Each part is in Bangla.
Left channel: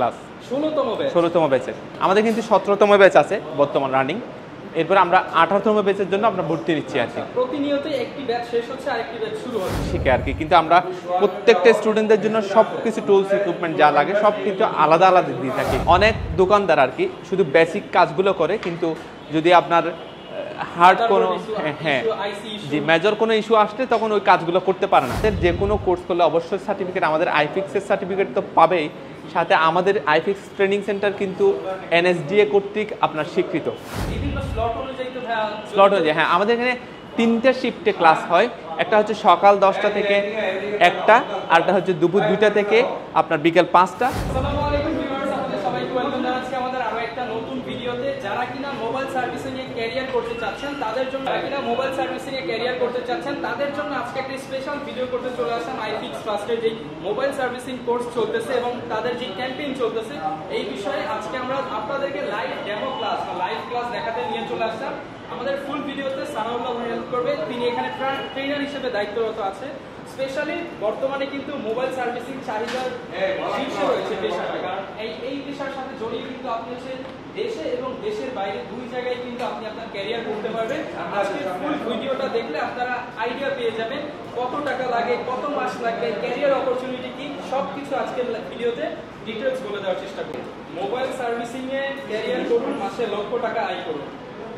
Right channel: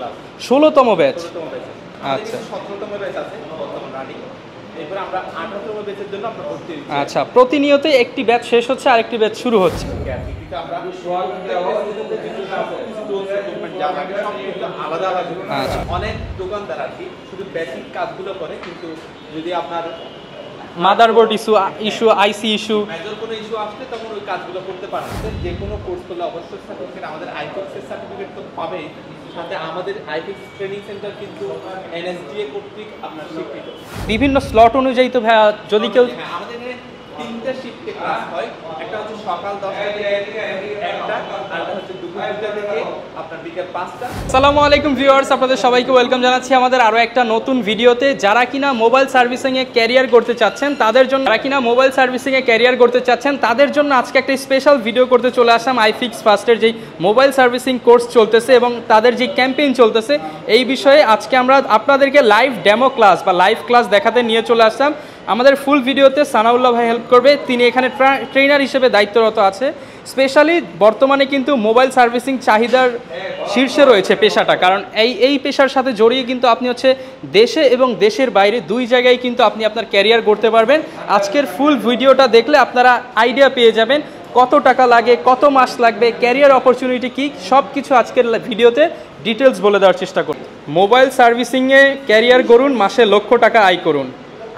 Class 16তম batch. 16তম ব্যাচে আমাদের কিন্তু 17তম ব্যাচ আছে বর্তমান রানিং। এরপর আমরা 18তম ব্যাচের জন্য আমরা ভর্তি নিচ্ছি। আচ্ছা, প্রতিনিয়ত একটি ব্যাচ শেষ হচ্ছে আরেকটি ব্যাচ শুরু হচ্ছে ঠিক আর কি। কিন্তু আমরা প্রত্যেকটা স্টুডেন্টদের জন্য সবকিছু টুলস ইকুইপমেন্ট যা লাগে সবকিছু আলাদা আলাদা দিই। অনেক দোকানদার আর কি শুধু বেসিক কাজগুলো করে, কিন্তু যদি আপনার মাদারবোর্ড ইস্যু আইসি ইস্যু মেজর কোনো ইস্যু আসলে তখন ওই কাজগুলো করতে পারে না। যে কোনো কোর্স করলে অবশ্যই সার্টিফিকেট, আমাদের আইফিক্সের সার্টিফিকেট তো পাবেই, সাথে আমাদের আইফিক্স ট্রেনিং সেন্টার কিন্তু এনএসডিএ কর্তৃক আপনার স্বীকৃত। বিভিন্ন স্লট অনুযায়ী তো ভাইয়া যদি কেউ হ্যাঁ, আমাদের এখানে 3টা শিফটে ক্লাস হয়। একটা হচ্ছে সকাল 10টা থেকে 1টা, আরটা হচ্ছে দুপুর 2টা থেকে আপনার বিকেল 5টা। আসসালামু আলাইকুম ভিউয়ার্স, আপনাদের সবাইকে ওয়েলকাম জানাচ্ছি আমাদের আরো একটা নতুন ভিডিওতে। যারা কিনা মোবাইল সার্ভিসিং এ ক্যারিয়ার করতে চাচ্ছেন তাদের জন্য তাদের জন্য আজকে একটা স্পেশাল ভিডিও করতে চলে আসলাম। আইফিক্স ফার্স্টের যেই মোবাইল সার্ভিসিং কোর্স চলতেছে এবং তাদের যে ক্যাম্পেইন চলতেছে এই বিষয়ে আজকে আমরা আপনাদেরকে লাইভ ডেমো ক্লাস বা লাইভ ক্লাস দেখাতে নিয়ে চলে আসলাম। আমাদের ফুল ভিডিওতে সানাউল্লাহ ভাই হেল্প করবে, তিনি এখানে ট্রেনার হিসেবে দায়িত্বরত আছে। স্পেশালি বর্তমানে কিন্তু মোবাইল সার্ভিসিং চাহিদার শীর্ষে রয়েছে পেশাটা, কারণ এই পেশার সাথে জড়িয়ে কিন্তু আপনি হচ্ছে দেশে এবং দেশের বাইরে দুই জায়গায় কিন্তু আপনি আপনার ক্যারিয়ার করতে পারবেন। আজকের ফুল ভিডিওটা দেখলে আপনারা আইডিয়া পেয়ে যাবেন কত টাকা লাগে, কত মাস লাগবে, ক্যারিয়ার অপরচুনিটি কী, সব কিছু আজকের ভিডিওতে ডিটেলস বলে দেওয়ার চেষ্টা করুন। মোবাইল সার্ভিসিংয়ে ক্যারিয়ার করুন, মাসে লক্ষ টাকা আয় করুন।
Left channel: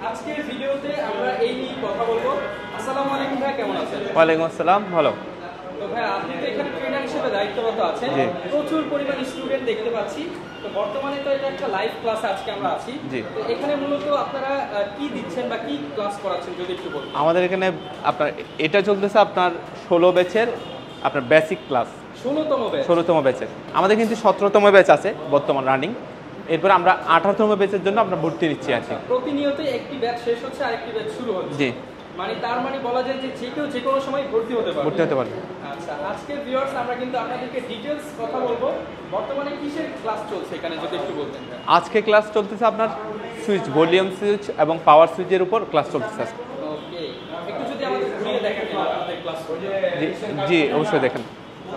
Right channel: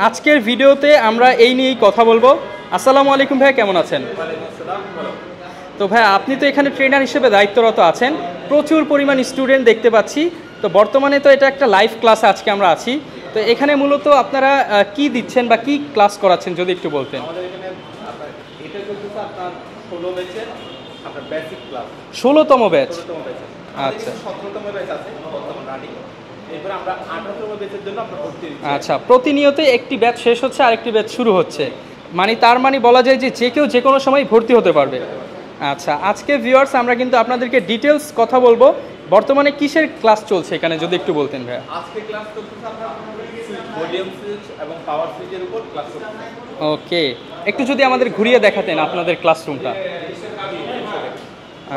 আজকের ভিডিওতে আমরা এই নিয়েই কথা বলবো। আসসালামু আলাইকুম ভাই, কেমন আছেন? ওয়ালাইকুম আসসালাম, ভালো। তো ভাই, আপনি তো এখানে ট্রেনার হিসেবে দায়িত্বরত আছেন, প্রচুর পরিমাণ স্টুডেন্ট দেখতে পাচ্ছি। তো বর্তমানে তো এটা একটা লাইভ ক্লাসে আজকে আমরা আছি, তো এখানে মূলত আপনারা কি দিচ্ছেন বা কি ক্লাস করাচ্ছেন যদি একটু বলতেন। আমাদের এখানে আপনার এটা চলতেছে আপনার 16 ব্যাচের আপনার বেসিক ক্লাস। 16তম ব্যাচ। ব্যাচের আমাদের কিন্তু 17তম ব্যাচ আছে বর্তমান রানিং। এরপর আমরা 18তম ব্যাচের জন্য আমরা ভর্তি নিচ্ছি। আচ্ছা, প্রতিনিয়ত একটি ব্যাচ শেষ হচ্ছে আরেকটি ব্যাচ শুরু হচ্ছে, মানে তার মানে বলা যায় যে যে কেউ যে কোনো সময় ভর্তি হতে পারবে। আচ্ছা, আজকে ভিউয়ার্স আমরা কিন্তু আপনাদেরকে ডিটেলস কথা বলবো। বর্তমানে কিসের ক্লাস চলছে এখানে যদি একটু বলতেন ভাই। আজকে ক্লাস চলতেছে আপনার সুইচ, ভলিউম সুইচ এবং পাওয়ার সুইচের উপর ক্লাস চলতেছে। ওকে, একটু যদি আমাদের ঘুরিয়ে দেখাতেন আপনাদের ক্লাসরুমটা। জি অবশ্যই দেখেন।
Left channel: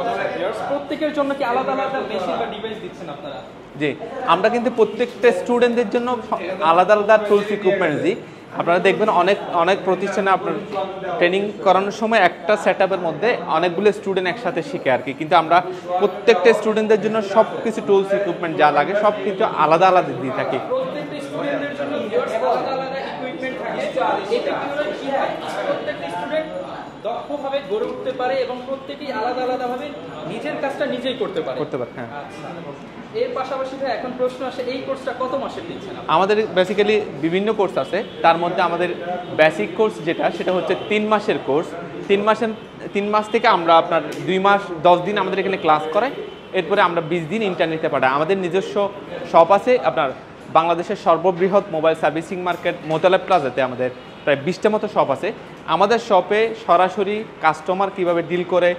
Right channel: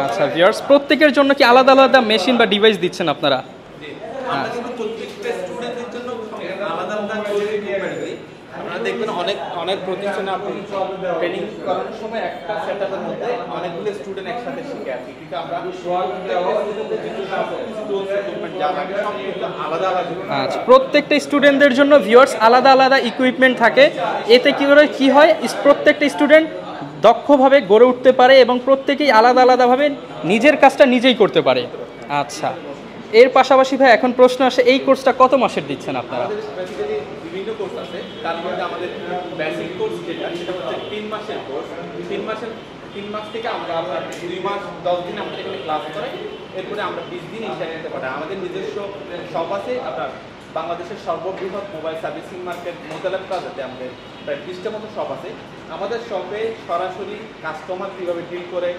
আচ্ছা ভিউয়ার্স, প্রত্যেকের জন্য কি আলাদা আলাদা মেশিন বা ডিভাইস দিচ্ছেন আপনারা? জি, আমরা কিন্তু প্রত্যেকটা স্টুডেন্টদের জন্য আলাদা আলাদা টুলস ইকুইপমেন্ট দিই। আপনারা দেখবেন অনেক প্রতিষ্ঠানে আপনি ট্রেনিং করানোর সময় একটা সেটআপের মধ্যে অনেকগুলো স্টুডেন্ট একসাথে শিখে আর কি, কিন্তু আমরা প্রত্যেকটা স্টুডেন্টদের জন্য সবকিছু টুলস ইকুইপমেন্ট যা লাগে সবকিছু আলাদা আলাদা দিই থাকি। প্রত্যেকটা স্টুডেন্টদের জন্য ভিউয়ার্স আলাদা আলাদা ইকুইপমেন্ট থাকে। এতে কি হয়, প্রত্যেকটা স্টুডেন্ট দক্ষভাবে গড়ে উঠতে পারে এবং প্রত্যেকেই আলাদা আলাদাভাবে নিজের কাজটা নিজেই করতে পারে। আচ্ছা, এর পাশাপাশি ভাই এখন প্রশ্ন আসে, এই কোর্সটা কত মাসের দিচ্ছেন আপনি? আমাদের বেসিক্যালি বিভিন্ন কোর্স আছে, তার মধ্যে আমাদের বেসিক কোর্স সেটা হচ্ছে 3 মাসের কোর্স। 3 মাস থেকে আমরা আপনার 2 মাস 10 দিন আমাদের এখানে ক্লাস করাই। এরপরে আমরা 20 দিন ইন্টারনেটে পাঠাই। আমাদের নিজস্ব শপ আছে আপনার বাংলাদেশের সর্ববৃহৎ মোবাইল সার্ভিসিং মার্কেট মোতালেব প্লাজাতে আমাদের প্রায় 20টা মতো শপ আছে। আমাদের শপে সরাসরি কাস্টমার কিভাবে ডিল করে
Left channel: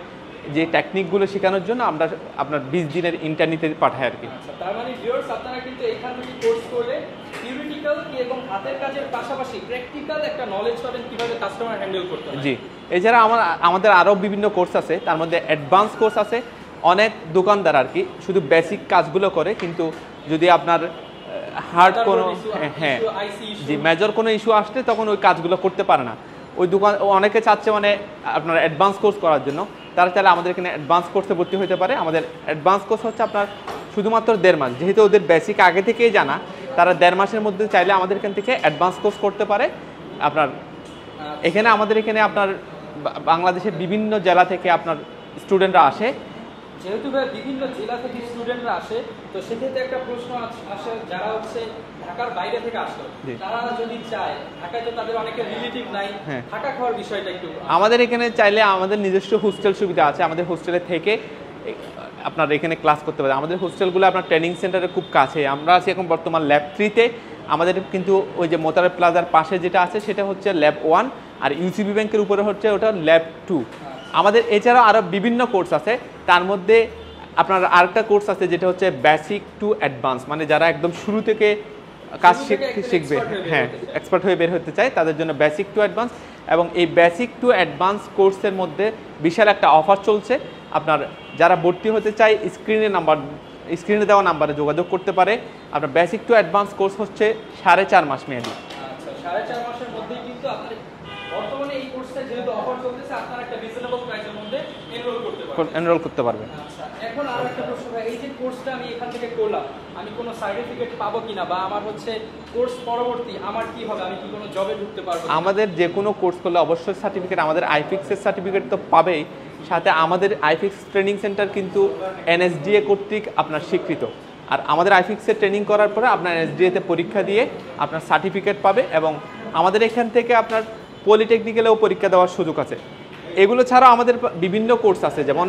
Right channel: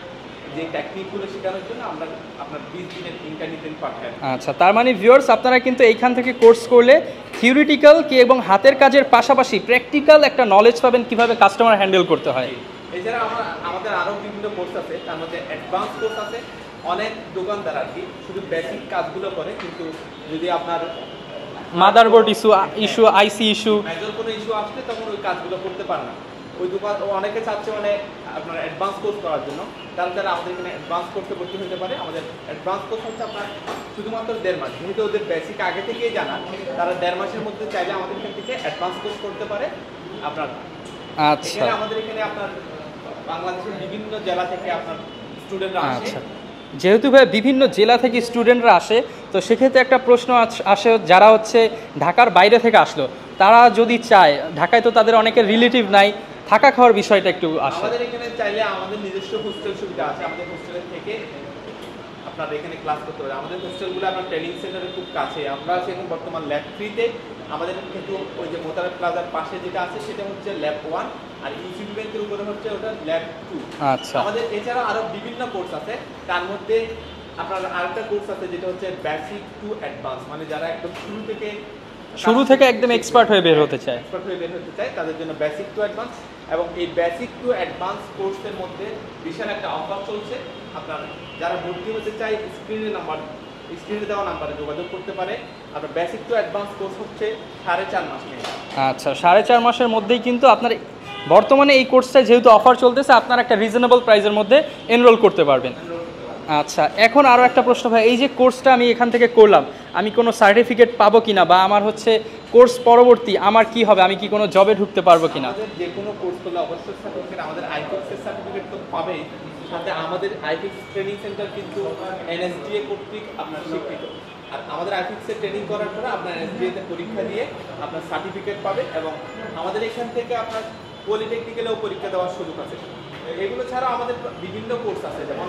যে টেকনিকগুলো শেখানোর জন্য আমরা আপনার 20 দিনের ইন্টারনেটে পাঠাই। আচ্ছা, তার মানে ভিউয়ার্স আপনারা কিন্তু এইখান থেকে কোর্স করলে থিওরিটিক্যাল কি এবং হাতের কাজের পাশাপাশি প্র্যাকটিক্যাল একটা নলেজ পাবেন কিভাবে কাস্টমার হ্যান্ডেল করতে হয়। জি, এছাড়া আমাদের আরও বিভিন্ন কোর্স আছে, তার মধ্যে অ্যাডভান্স কোর্স আছে। অনেক দোকানদার আর কি শুধু বেসিক কাজগুলো করে, কিন্তু যদি আপনার মাদারবোর্ড ইস্যু আইসি ইস্যু মেজর কোনো ইস্যু আসলে তখন ওই কাজগুলো করতে পারে না। ওই দোকান অনেকে চাচ্ছে মানে আপনার অ্যাডভান্স কোর্স করার জন্য, তারা চাইলে আমাদের এখানে অ্যাডভান্স কোর্সে ভর্তি হতে পারে। আমাদের অ্যাডভান্স কোর্স হচ্ছে আপনার শুধুমাত্র 1.5 মাস, যেহেতু ওদের বেসিক আগে থেকেই জানা, তারা 1.5 মাসের মধ্যে চাইলে আমাদের এখান থেকে অ্যাডভান্স কোর্স করতে পারে। আপনার এখানে আমাদের এখানে আপনার বাংলাদেশের বিভিন্ন জেলা থেকে আপনার স্টুডেন্টরা আসে। যেহেতু ভাই বিভিন্ন জেলা থেকে স্টুডেন্টরা আসে, তো সেক্ষেত্রে একটা প্রশ্ন আসে, যারা হচ্ছে ঢাকার বাইরে থেকে আসলো, তারা যদি চায়, ঢাকায় তো তাদের অনেকের রিলেটিভ নাই, থাকা খাওয়ার বিষয়টা একটু আমাদের এখানে চাইলে আমাদের নিজস্ব হোস্টেল সুবিধা আছে। আমাদের হোস্টেলে থেকে আপনার এখানে ক্লাস করতে পারে। আমাদের হোস্টেলগুলো আপনার ট্রেনিং সেন্টারের খুব কাছে। আমরা আছি এখন বর্তমান ল্যাব 3-তে। আমাদের কিন্তু ওই যে মোতালেব প্লাজার পাশে যেটা আছে সেটা হচ্ছে ল্যাব 1, আর ইউসিবি ব্যাংকের উপরে হচ্ছে ওটা ল্যাব 2। আমাদের এছাড়া আরও বিভিন্ন কোর্স আছে, তার মধ্যে আপনার আরেকটা কোর্স আছে যেটা হচ্ছে বেসিক টু অ্যাডভান্স, মানে যারা একদম শুরু থেকে একদম এক্সপার্ট হয়ে বের হতে চায় তাদের জন্য বেসিক টু অ্যাডভান্স। এবং এই বেসিক টু অ্যাডভান্স কোর্সের মধ্যে বিশাল একটা অফার চলছে। আপনার যারা ভর্তি হতে চায় স্ক্রিনে নাম্বার স্ক্রিনে দেওয়া নাম্বারে যোগাযোগ করতে পারে। আপনার বেসিক টু অ্যাডভান্স কোর্স হচ্ছে 4.5 মাস মেয়াদি। আচ্ছা, 4.5 মাসের মধ্যেই কিন্তু আপনার বর্তমানে এই কোর্সটা যেহেতু অফার চলতেছে, আপনারা একটা রিজনেবল প্রাইসের মধ্যে এনরোল করতে পারবেন। আচ্ছা, এখন আরও একটা প্রশ্ন ভাই, এই যে কোর্সটা আমি এখান থেকে করলাম, আমি কোনো সার্টিফিকেট পাবো কিনা, বা আমার হচ্ছে কোর্স পরবর্তী আমার কি হবে, আমি কি কোনো জবে ঢুকতে পারবো কিনা? আমাদের যে কোনো কোর্স করলে অবশ্যই সার্টিফিকেট, আমাদের আইফিক্সের সার্টিফিকেট তো পাবেই, সাথে আমাদের আইফিক্স ট্রেনিং সেন্টার কিন্তু NSDA কর্তৃক আপনার স্বীকৃত। আর আমাদের আইফিক্সের ট্রেনিং করার পরে আপনার NSDA-তে পরীক্ষা দিয়ে আপনার সার্টিফিকেট পাবে, এবং আমাদের এখান থেকে আপনার পলিটেকনিক্যালেও পরীক্ষা দেওয়ার সুযোগ আছে। এগুলো ছাড়াও আমাদের বিভিন্ন কোর্স আছে, যেমন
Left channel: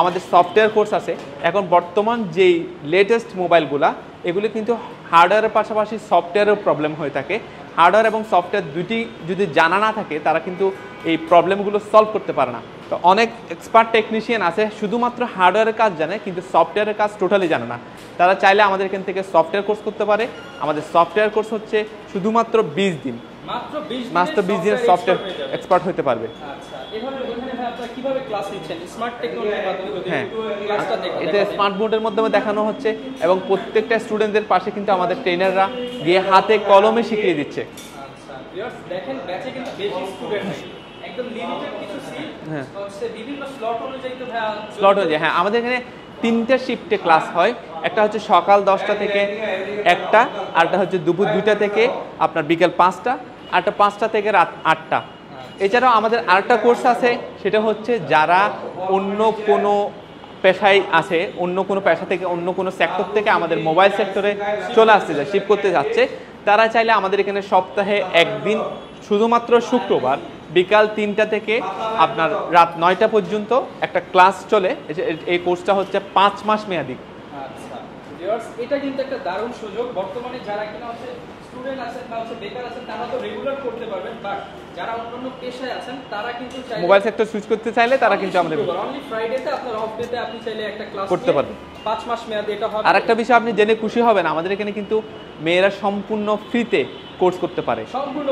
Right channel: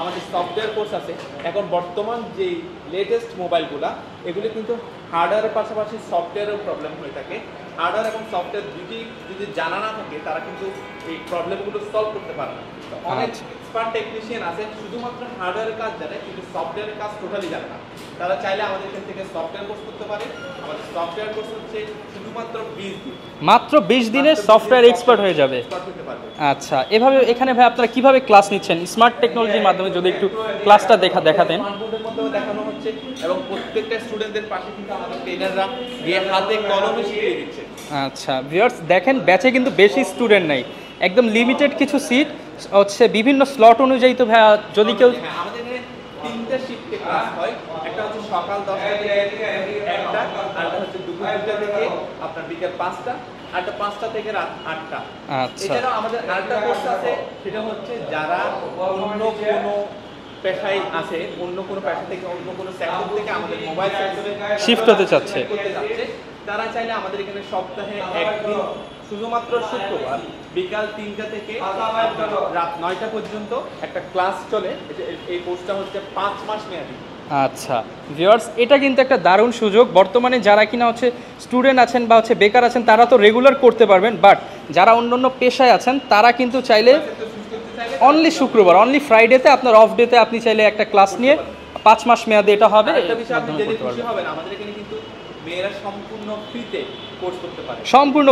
আমাদের সফটওয়্যার কোর্স আছে। এখন বর্তমান যেই লেটেস্ট মোবাইলগুলা, এগুলো কিন্তু হার্ডওয়্যারের পাশাপাশি সফটওয়্যারেও প্রবলেম হয়ে থাকে। হার্ডওয়্যার এবং সফটওয়্যার দুটি যদি জানা না থাকে, তারা কিন্তু এই প্রবলেমগুলো সলভ করতে পারে না। তো অনেক এক্সপার্ট টেকনিশিয়ান আছে শুধুমাত্র হার্ডওয়্যারের কাজ জানে, কিন্তু সফটওয়্যারের কাজ টোটালি জানে না। তারা চাইলে আমাদের এখান থেকে সফটওয়্যার কোর্স করতে পারে। আমাদের সফটওয়্যার কোর্স হচ্ছে শুধুমাত্র 20 দিন, মাত্র 20 দিনে সফটওয়্যার এক্সপার্ট হয়ে যাবে, এক্সপার্ট হতে পারবে। আচ্ছা, এভাবে এখানে ভাই আপনারা কিভাবে ক্লাস নিচ্ছেন? স্মার্ট টেকনোলজির মাধ্যমে যদি একটু ক্লাসটা দেখাতেন। স্মার্ট বোর্ডের মাধ্যমে দেখানো হচ্ছে, এবং প্রত্যেকটা স্টুডেন্টদের পাশে কিন্তু আমাদের ট্রেনাররা গিয়ে হাতে কলমে শিখিয়ে দিচ্ছে। আচ্ছা ভিউয়ার্স, দেখেন ব্যাচে কিন্তু বেশি স্টুডেন্ট নাই, একদম লিমিটেড কিছু সিট হচ্ছে, বিভিন্ন স্লট অনুযায়ী। তো ভাই যদি কেউ, হ্যাঁ, আমাদের এখানে 3টা শিফটে ক্লাস হয়। একটা হচ্ছে সকাল 10টা থেকে 1টা, আরটা হচ্ছে দুপুর 2টা থেকে আপনার বিকেল 5টা, আরটা 5টা থেকে রাত 8টা। এছাড়াও আমাদের আরেকটা কোর্স আছে, সেটা হচ্ছে যারা অন্য কোনো পেশায় আছে, অন্য কোনো পেশা থেকে, অন্য কোনো সেক্টর থেকে আমাদের মোবাইল সেক্টরে শিফট করতে যাচ্ছে, তারা চাইলে আমাদের এখানে সপ্তাহে একদিন, শুধুমাত্র শুক্রবার বিকাল 3টা থেকে আপনার রাত 9টা পর্যন্ত একটা ক্লাস চলে। এই কোর্সটা হচ্ছে 5 মাস মেয়াদি। আচ্ছা ভিউয়ার্স, এটা কিন্তু একটা দারুণ সুযোগ। বর্তমানে যারা কিনা হচ্ছে স্টুডেন্ট আছেন বা হচ্ছে বেকার আছেন, তারা তো রেগুলার করতে পারবেন, বাট যারা অন্যান্য পেশায় আছেন তারা কিন্তু চাইলে মোবাইল সেক্টর সুইচ করতে চাইলে অনলি শুক্রবার, অনলি ফ্রাইডেতে, আপনার অফ ডেতে আপনি চাইলে একটা ক্লাস নিয়ে 5 মাস মেয়াদে এটা হবে। আরেকটা বিষয় আপনি জেনে খুশি হবেন, আমাদের এখানে কিন্তু মেয়েরা সম্পূর্ণ ফ্রিতে কোর্স করতে পারে। সম্পূর্ণ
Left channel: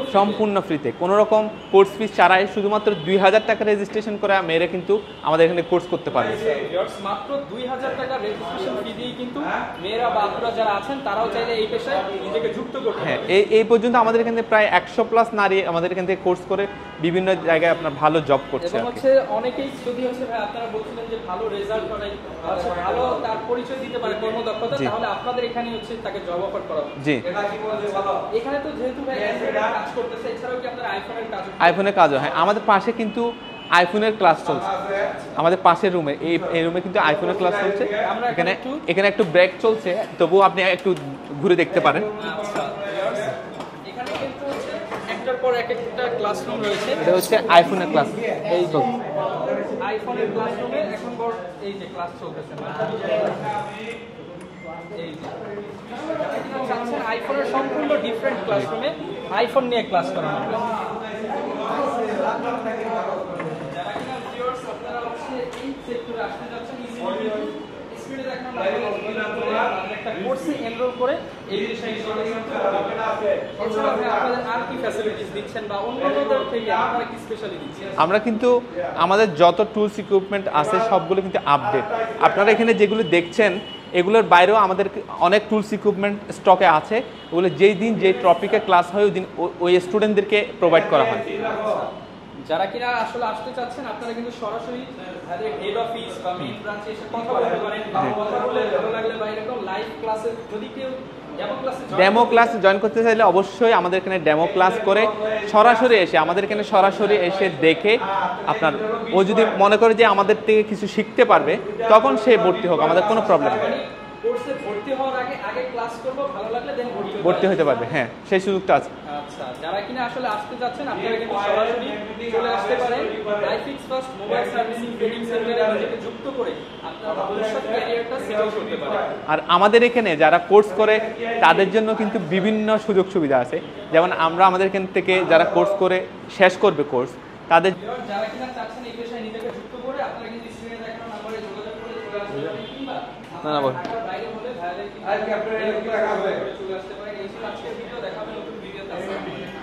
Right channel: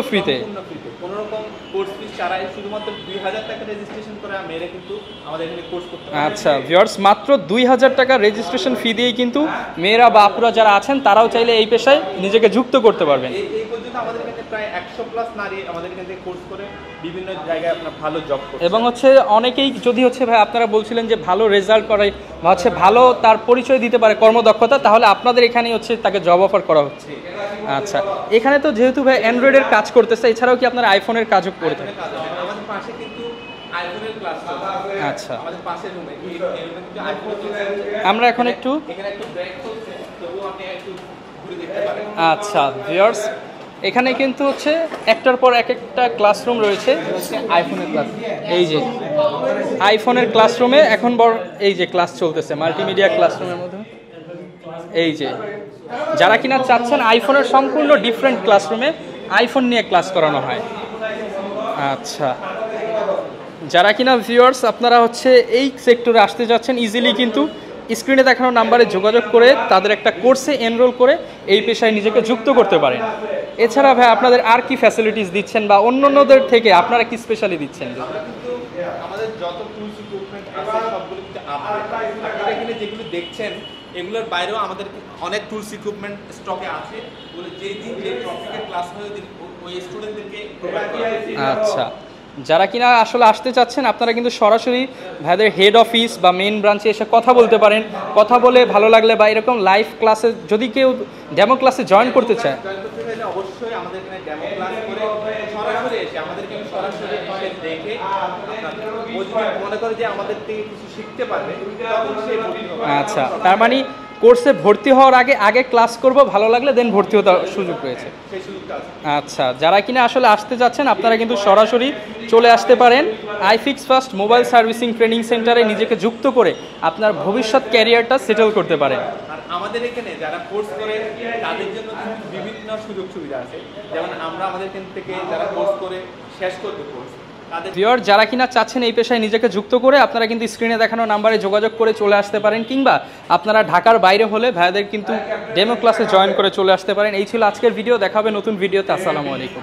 ফ্রিতে, কোনো রকম কোর্স ফিস ছাড়াই, শুধুমাত্র 2000 টাকা রেজিস্ট্রেশন করে মেয়েরা কিন্তু আমাদের এখানে কোর্স করতে পারে। আচ্ছা ভিউয়ার্স, মাত্র 2000 টাকা রেজিস্ট্রেশন ফি দিয়েই কিন্তু মেয়েরা বা আপুরা যারা আছেন তারাও চাইলে এই পেশায় নিজেকে যুক্ত করতে পারবে। এই পর্যন্ত আমাদের এখানে প্রায় 100+ নারী আমাদের এখান থেকে কোর্স করে বিভিন্ন জায়গায় আপনার ভালো জব করছে। এবং হচ্ছে অনেকেই যদি হচ্ছে ভাই আপনারা বলছিলেন যে ভালো রেজাল্ট করে বা হচ্ছে ভালো তার পরিচয় দিতে পারে কর্মদক্ষতা, তাহলে আপনাদের এখানেই হচ্ছে তাকে জব অফার করা হচ্ছে। জি আচ্ছা, এখানে তো যেহেতু ভাই অ্যান্ড্রয়েডের কাজ করতেছে, এছাড়াও কি আপনার আইফোনের কাজও? আইফোনের কাজও, হ্যাঁ, আমাদের পাশে কিন্তু আইফোনের ক্লাস চলছে। আচ্ছা, আমাদের পাশের রুমে, এই রুমে কিন্তু আইফোনের ক্লাস চলছে। আমরা এখানে একটু ব্রেক চলছে, তবুও আপনি একটু ঘুরে দেখতে পারেন। আচ্ছা ভিউয়ার্স, এখানে কিন্তু হচ্ছে একটার পর একটা ক্লাসরুম রয়েছে, হচ্ছে আইফোনের ক্লাস। এই যে আইফোনের ক্লাসরুমে এখন এই যে ক্লাস চলতেছে, মাল্টিমিডিয়া ক্লাসরুম। এই যে যারা কিনা চাচ্ছেন আইফোনের সম্পূর্ণ ডিফারেন্ট ক্লাসরুমে আইফোন নিয়ে ক্লাস করানো হয়। আচ্ছা, যারা কিনা ভিউয়ার্স আপনারা হচ্ছে এই সেক্টরে আসতে যাচ্ছেন, ইজিলি কিন্তু স্ক্রিনে দেখানো নাম্বারে যোগাযোগ করে তাদের একটা কোর্সে এনরোল করে এই পেশায় নিজেকে যুক্ত করতে পারেন। এছাড়া ভাই আপনাদের আর কি ফ্যাসিলিটিস দিচ্ছেন, বা অন্যান্যদের থেকে আপনারা কি স্পেশালি দিচ্ছেন? আমরা কিন্তু আমাদের যত টুলস ইকুইপমেন্ট আছে সবগুলো কিন্তু আপডেট। আপনারা এখানে যেগুলো দেখছেন এগুলোর বাইরেও আমাদের অনেক টুলস ইকুইপমেন্ট স্টকে আছে, ওগুলো যেই দিন যে টপিকে ক্লাস হয় ওই দিন ওই স্টুডেন্টদেরকে প্রোভাইড করা হয়। আচ্ছা, যারা কিনা আসলে আসতে চাচ্ছেন আপনারা কিন্তু সরাসরি ভাইদের হেড অফিস বা মেইন ব্রাঞ্চে এসে কথা বলতে পারেন। কথা বলে ভালো লাগলে বা এরকম লাইভ ক্লাসে যদি কেউ ডেমো ক্লাসে জয়েন করতে চাইলে অবশ্যই আমাদের এখানে ডেমো ক্লাস করে সরাসরি এসে আমাদের এখানে সরাসরি এসে দেখে আপনার ও যদি মনে করে যে আমাদের থেকে কিছু শিখতে পারবে তখন সে ভর্তি হবে। আচ্ছা, তার মানে কোর্সে ভর্তি হওয়ার আগে ক্লাস করব, ভালো লাগলে দেন ভর্তি হতে পারবে। হ্যাঁ, সেই সুযোগটা আছে। আচ্ছা, যারা কিনা আসলে আসতে যাচ্ছেন আপনারা কিন্তু সরাসরি চলে আসতে পারেন iFix first mobile servicing training সেন্টারে নিজেকে যুক্ত করে আপনার ভবিষ্যৎ ক্যারিয়ারটা সেটেল করতে পারেন। আর আমাদের এখানে যারা কোর্স করে তাদের জন্য কিন্তু বিভিন্ন সুযোগ সুবিধা আছে, যেমন আমরা আমাদের এখান থেকে যারা কোর্স করে শেষ করবে কোর্স তাদের ভিউয়ার যারা কিনা চাচ্ছেন এই পেশায় নিজেকে যুক্ত করে আপনারা কিন্তু স্ক্রিনে দেখানো নাম্বারে যোগাযোগ করে চলে আসতে পারেন, কিংবা আপনারা ঢাকার বাইরে হলে ভাইদের কিন্তু ডেমো ক্লাসে জয়েন করে চলে আসতে পারেন। এই ছিল আজকের ভিডিও, দেখা হবে নতুন ভিডিওতে। আসসালামু আলাইকুম।